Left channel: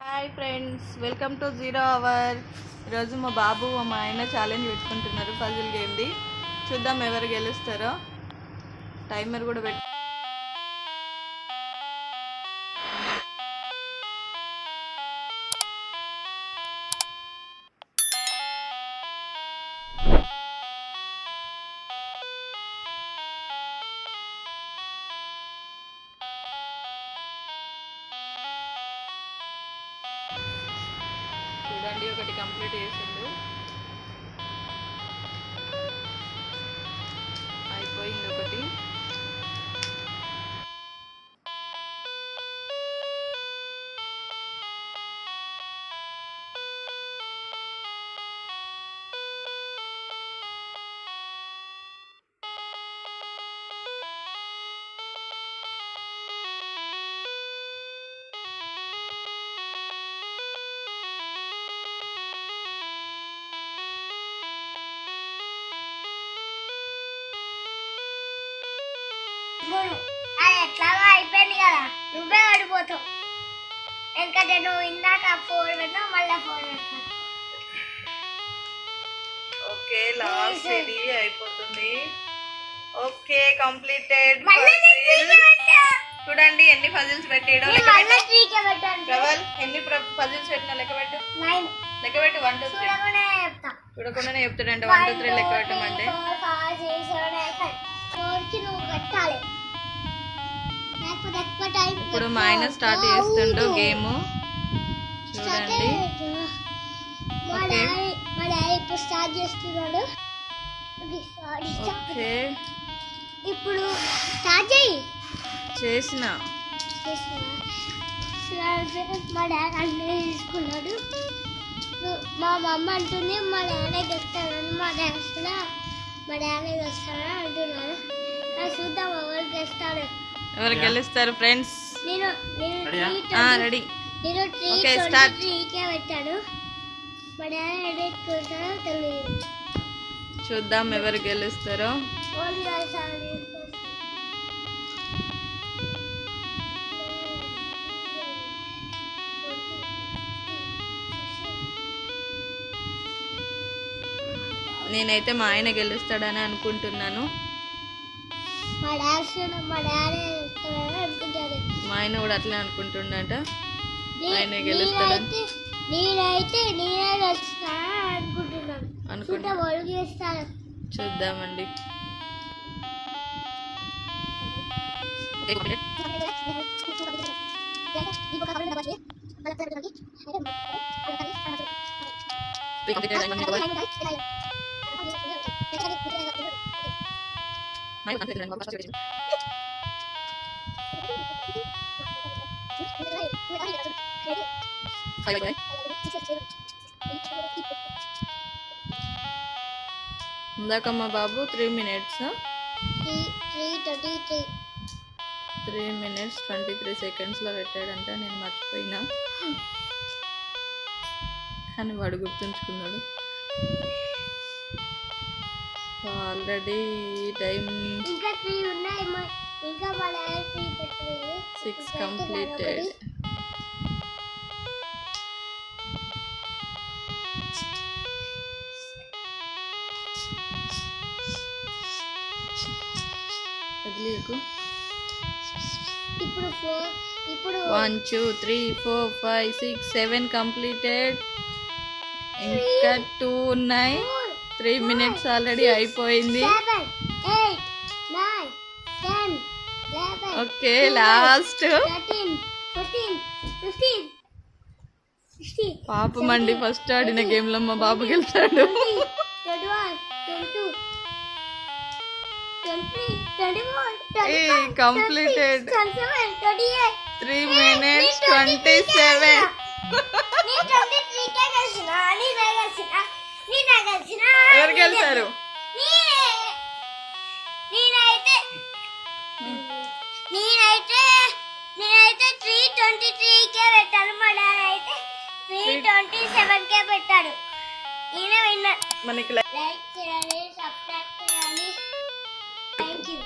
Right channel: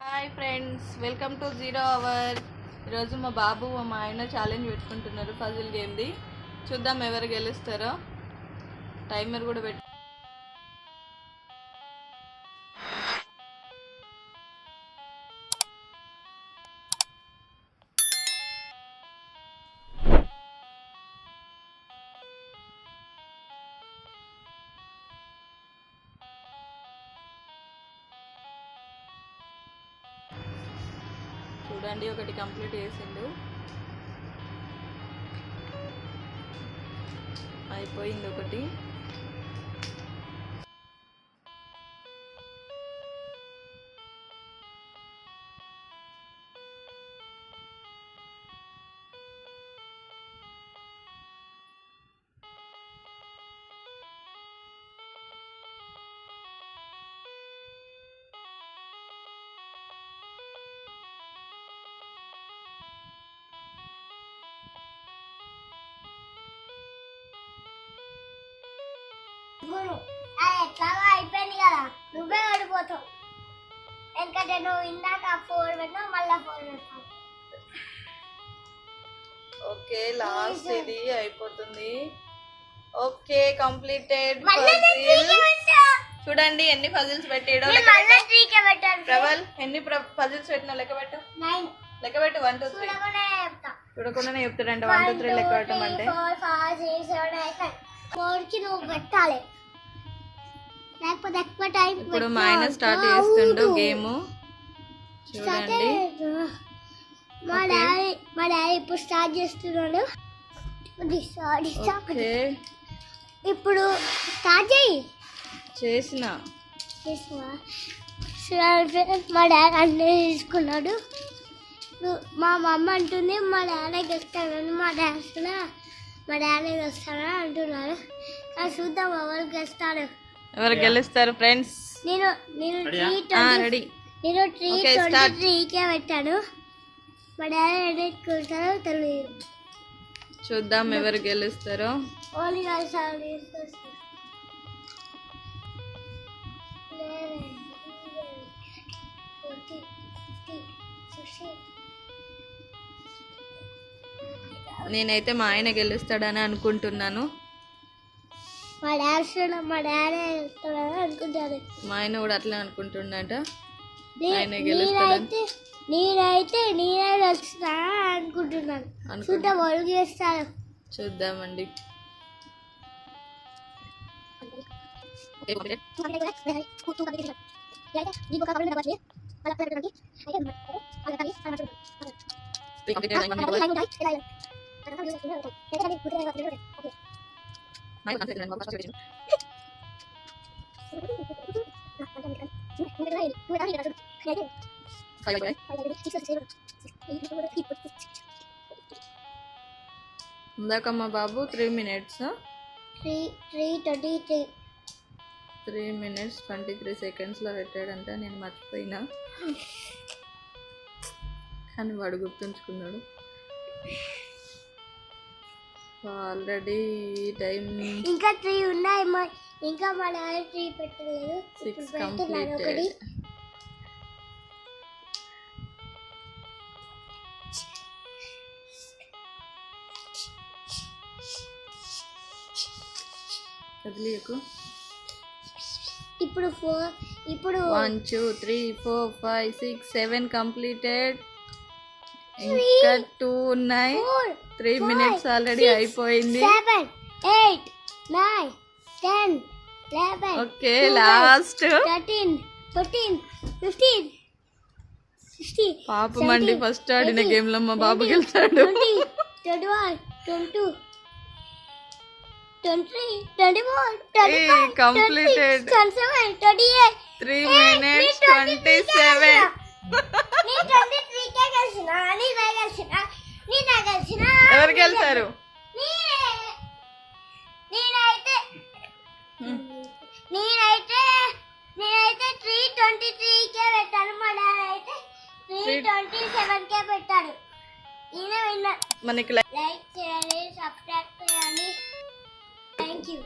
Hi friends, welcome to 0 hour. ఈరోజు మా బాబు మా ఆయన ఛాలెంజ్ పెట్టుకుంటున్నారు పజిల్ గేమ్ది. చూద్దాం ఎవరు గెలుస్తారో. టైమర్ కూడా పెట్టి చూడండి, ఒకటి కంప్లీట్ చేసిండు, అయిపోయింది ఒకటి. అది ఎట్లాగో అయిపోయింది కదా, నువ్వే ఓడిపోతావు. ఎందుకంటే నువ్వు ఇందాక 4 పెట్టావు, మళ్ళీ 4 పెట్టావు. ఓకే, లాస్ట్ ఇది అయిపోతుంది. Okay, completed. చూడండి ఎన్ని పజిల్స్ పెట్టాడు. ప్రవల్, ఎన్ని పజిల్స్ పెట్టినా లెక్క పెట్టు. 9 లెక్క పెట్టు. 1 2 3 చూడకుండానే చెప్తాడంట. 1 2 3 లెక్క పెట్టమంటే ఇప్పుడు మా ఆయన స్టార్ట్ చేస్తుండు గేమ్. చూడండి, మా డాడీ ఇప్పుడు స్టార్ట్ చేస్తున్నాడు. ఇప్పుడు స్టార్ట్ చేయి. చేసిన మా డాడీ అన్నీ తీసుకున్నాడు. మా మమ్మ అంటుంది మా డాడీ తెస్తానని, మా డాడీ తెస్తానని అంటున్నాడు. చూద్దాం ఎవరు గెలుస్తాడు. ఎవరు గెలుస్తారు ఫ్రెండ్స్? నేను రెడీ. నేను 3 పెట్టాను. మా డాడీ రెడీ కొడతారో తెలియదు. చూద్దాం ఎవరు గెలుస్తారో. నేనైతే మా ఆయన గెలుస్తాడని అనుకుంటున్నాను. మా ఆయన కూడా అట్లే అనుకుంటున్నాట. ఆయన గెలుస్తాడని. నేనైతే గెలుస్తా అనుకుంటున్నాను. చూద్దామండి. ఇందాక మా బాబు 3 minutes 3 minutes 23 seconds లో పెట్టాడంట. నేను మర్చిపోయినా, కానీ వాడు గుర్తుంచుకున్నాడు. ఆల్రెడీ టైం ఇంకా 3 ఉన్నాయి. ఇంకా మా డాడీ 3 పెట్టలేదు. 6 కంప్లీటెడ్. కదిలీకు. ఇప్పుడు 1 2 3 4 5 6 7 కంప్లీటెడ్. ఇంకా 2 ఉన్నాయి. 3 minutes ఆల్రెడీ అయిపోయింది. 7 8 9 10 11 ఓకే, లాస్ట్ 13 14 15 16 పాపమండి, ఫస్ట్ ఆడిన గేమ్ లో మా బాబు గెలిచాడు. 21 22 23 24 కంప్లీటెడ్. 3 minutes 27. ఎవరు గెలిచారు? నేనైతే 323 పెట్టాను. మా డాడీ అయితే 327 పెట్టాడు. ఈయన విన్నర్. మనకి లైక్ చేయాలి, సబ్స్క్రైబ్ చేయాలి. Thank you.